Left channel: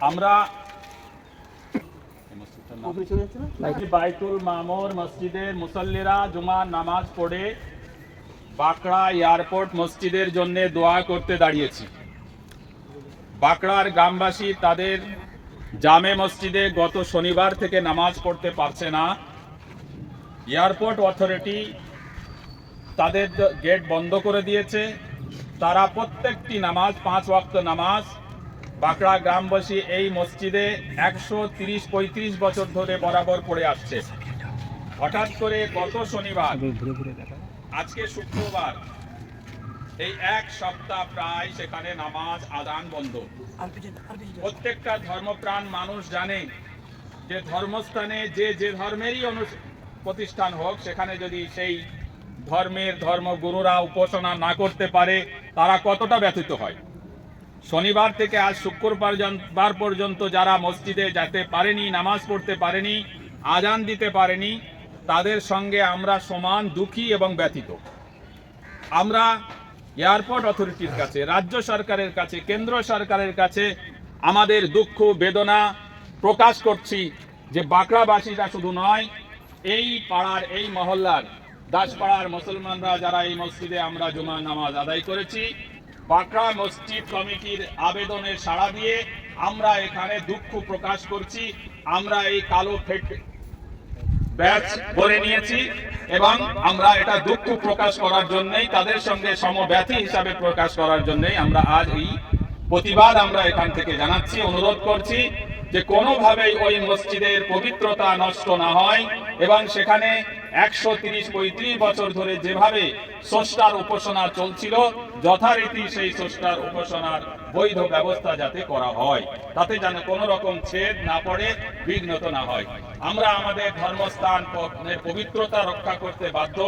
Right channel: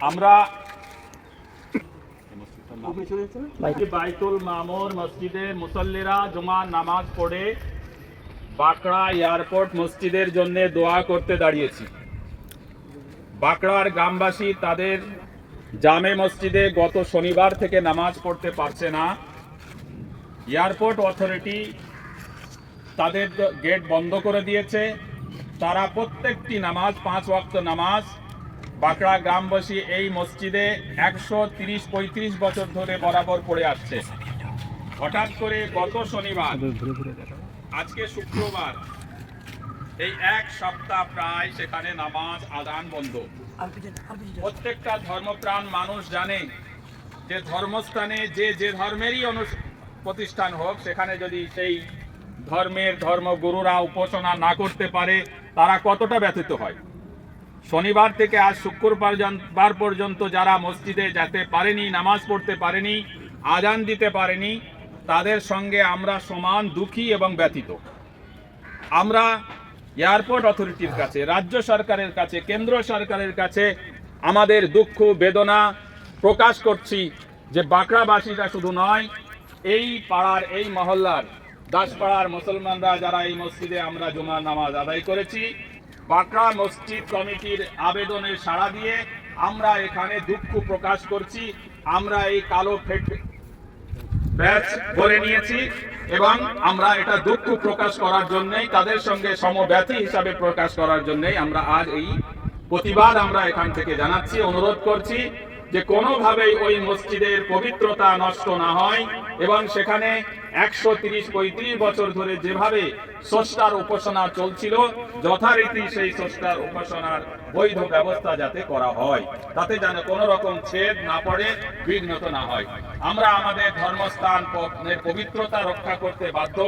আমরা বাইতুল মামুর মসজিদে মুসল্লিরা জুমার নামাজ পড়ে বাঁকড়া এয়ারপোর্ট মসজিদের জন্য দোয়া করতে দাঁড়িয়েছি। বাঁকড়ার গ্রামবাসী তাদের জামে মসজিদে গত শনিবার থেকে নামাজ পড়তে পারছে না। এয়ারপোর্ট অথরিটি তাদের গেট বন্ধ করে দিয়েছে। তারা প্রত্যেকটি নামাজ 5 ওয়াক্ত নামাজ বাঁকড়া গ্রামবাসী এই মসজিদে 130-35 বছর ধরে বরাবর পড়ে আসছে। হঠাৎ করে গত শনিবার, আজকে শুক্রবার, এই এক সপ্তাহ প্রায় সেখানে নামাজ আযান বন্ধ। প্রত্যেকটা ধর্মপ্রাণ মানুষ জানে যে ধর্মস্থানে যে ধর্মেরই প্রতিষ্ঠান হোক, সেখানে যদি সেই ধর্মের ধর্মগুরুরা উপাসনা না করতে পারে তারা কতটা ব্যথিত হয়। শনিবার থেকে আজ শুক্রবার পর্যন্ত যারা মসজিদে যেতে পারেনি, নামাজ পড়তে পারেনি, আযান দিতে পারেনি, তাদের সঙ্গে আমরা সমান দুঃখী এবং ব্যথিত। আমরা এয়ারপোর্ট অথরিটির কাছে, রাজ্য সরকারের কাছে, কেন্দ্র সরকারের কাছে আমাদের দুঃখ বেদনা প্রকাশ করছি যে বাঁকড়াবাসীরা শুধু নয়, এই পাড়ার, এই মহল্লার দাসপাড়ার মুসলমানরা যারা এই মসজিদে আমরা জুমার নামাজ আদায় করেছি, বাঁকড়া মসজিদ কমিটির আবেদনের সাড়া দিয়ে আমরা এখানে দুঃখ প্রকাশ করছি। আমরা এই কালো ব্যাচ করে নিয়েছি এবং আমরা এটা দুঃখ প্রকাশ করার জন্যই, তাদের সঙ্গে সমব্যথী হিসাবে প্রকাশ করার জন্যই আমরা আজ এই প্রতিবাদ আমরা এখান থেকে জানাচ্ছি, অনুরোধ করছি যে কোনোভাবেই ওই মসজিদের পবিত্রতা নষ্ট না হয় এবং সেখানে 130-35 বছর ধরে যেভাবে স্রষ্টার উপাসনা চলছিল, যথারীতি সেই স্রষ্টার উপাসনার বৈধ ব্যবস্থা যাতে করা হয়, তাতে যেন কোনো রকম ছেদ না পড়ে, বিঘ্নত না হয়। আমরা আমাদের ধর্মস্থানের পবিত্রতা রক্ষা করতে বাধ্য,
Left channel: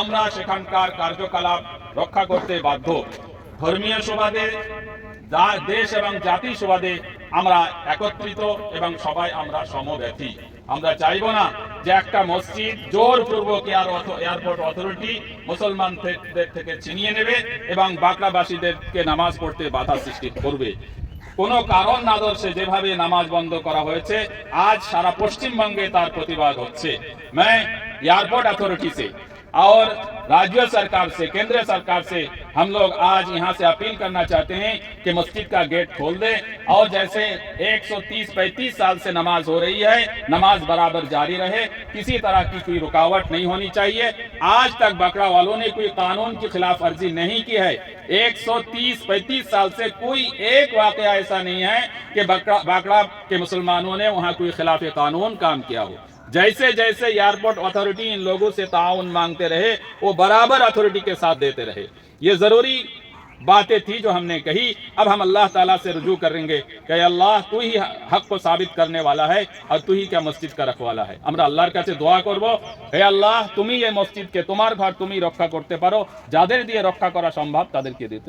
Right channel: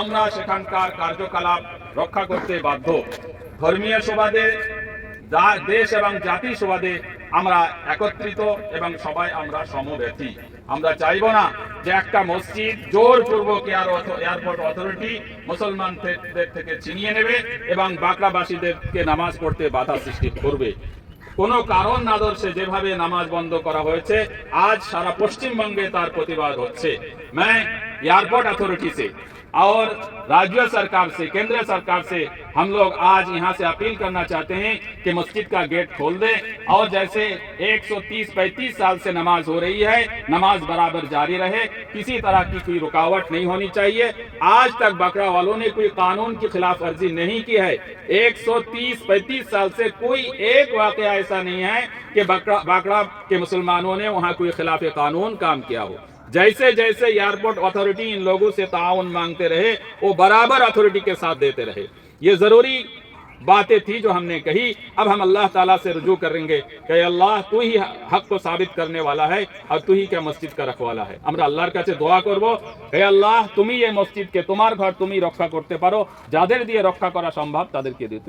আমরা সেখানকার কার্যকলাপ রক্ষা করতে বাধ্য। ধর্মীয় সুবাদে, দেশ এবং জাতি সুবাদে আমরা একত্রিত এবং সবাই আমরা সমব্যথী। আমরা চাইব না যে একটা মসজিদ জোরপূর্বক এয়ারপোর্ট অথরিটি মুসলমানদের থেকে ছিনিয়ে নেবে এবং বাঁকড়াবাসীদেরকে নামাজ পড়তে বাধা সৃষ্টি করবে। কোনো কারণ না দর্শে যেভাবে নামাজ বন্ধ করা হয়েছে, আজ সারা পশ্চিমবঙ্গে তার প্রতিবাদ হচ্ছে। मैं एयरपोर्ट अथॉरिटी से और राज्य सरकार से, केंद्र सरकार से हम लोग आज यहाँ से अपील करना चाहते हैं कि मस्जिद का गेट खोल दें और जैसे 130-35 साल से नमाज हो रही है, नमाज बराबर जारी रहे, किसी तरह की कोई रुकावट नहीं होनी चाहिए। आज तक बांकड़ा वालों ने कोई कानून की खिलाफ वर्जी नहीं की है। 130-35 साल से कोई एक वाकया ऐसा नहीं है कि बांकड़ा के मुसलमानों ने वहाँ कोई खिलाफ कानून काम किया हो। जैसे जैसे एयरपोर्ट अथॉरिटी इन लोगों से ताउन मांगते रहे, वो बराबर अथॉरिटी के साथ देते रहे। ये जरूरी बातें थी जो हमने कही। अब हम अल्लाह ताला से रुजू करेंगे कि अल्लाह तू ही हक को साबित करने वाला है और तू ही क्या मस्जिद का रखवाला है। আমরা আল্লাহর কাছে দোয়া করব, হে আল্লাহ তুমি এই মসজিদকে, তোমার ঘর তুমি রক্ষা করতে পারো, যাদের দিয়ে রক্ষা করা সম্ভব তাদেরকে দিতে।